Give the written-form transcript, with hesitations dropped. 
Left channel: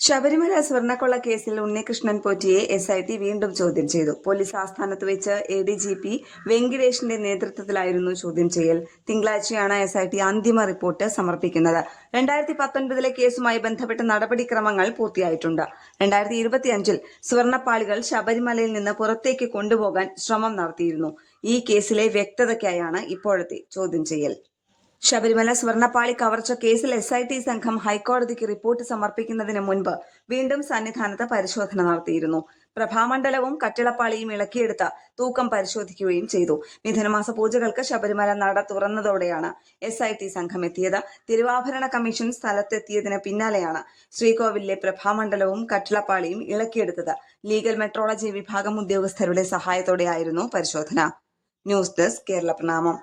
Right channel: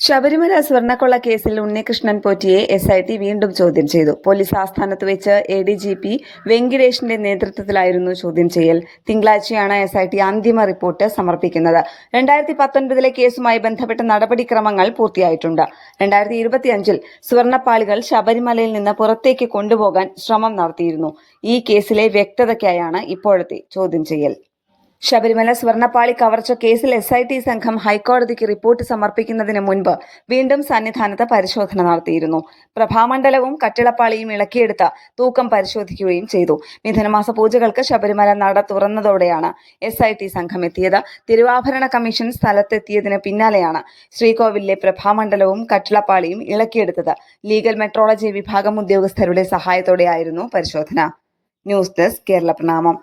ശബരിമല സ്വർണ്ണക്കൊള്ള കേസിൽ ഉണ്ണികൃഷ്ണൻ പോറ്റിയെ SIT വീണ്ടും ചോദ്യം ചെയ്തു. പോലീസ് ആസ്ഥാനത്ത് വെച്ച് ADGP വെങ്കിടേഷിന്റെ നേതൃത്വത്തിലായിരുന്നു ചോദ്യം ചെയ്യൽ. തിങ്കളാഴ്ചയാണ് SIT അന്തിമ റിപ്പോർട്ട് സമർപ്പിക്കുന്നത്. 2019 കേസുമായി ബന്ധപ്പെട്ട നടപടിക്രമങ്ങൾ പൂർത്തിയായിട്ടുണ്ട്. 2025 സ്വർണ്ണപ്പാളികൾ ശബരിമലയിൽ നിന്ന് പുറത്തേക്ക് കൊണ്ടുപോകാൻ ശ്രമം നടത്തിയിരുന്നു. ഈ കേസിലെ വ്യക്തതയ്ക്കായാണ് ഇപ്പോഴത്തെ ചോദ്യം ചെയ്യൽ. ശബരിമല സ്വർണ്ണപ്പാളി കവർച്ച കേസിൽ SIT സംഘം ഹൈക്കോടതിക്ക് റിപ്പോർട്ട് സമർപ്പിക്കുന്നതിന് മുൻപ് വീണ്ടും സന്നിധാനത്ത് പരിശോധന നടത്തിയിരുന്നു. പ്രഭാമണ്ഡലവും കട്ടിളപ്പാളിയും ഇളക്കിയെടുത്ത് തൂക്കം പരിശോധിക്കുകയും ചെയ്തു. മിഥുനമാസ പൂജകൾക്ക് ശബരിമല നട തുറന്നതോടെയാണ് SIT സംഘം എത്തിയത്. തിരുവാഭരണ കമ്മീഷൻ സ്ഥലത്തെത്തിയതിന് പിന്നാലെയാണ് ശ്രീകോവിലിലെ പ്രഭാമണ്ഡലവും കട്ടിളപ്പാളിയും ഇളക്കിയെടുത്തത്. ലീഗൽ മെട്രോളജി വിഭാഗം ഉദ്യോഗസ്ഥരുടെ സഹായത്തോടെയായിരുന്നു പരിശോധന. ന്യൂസ് ഡെസ്ക് കേരള പ്രണാമം.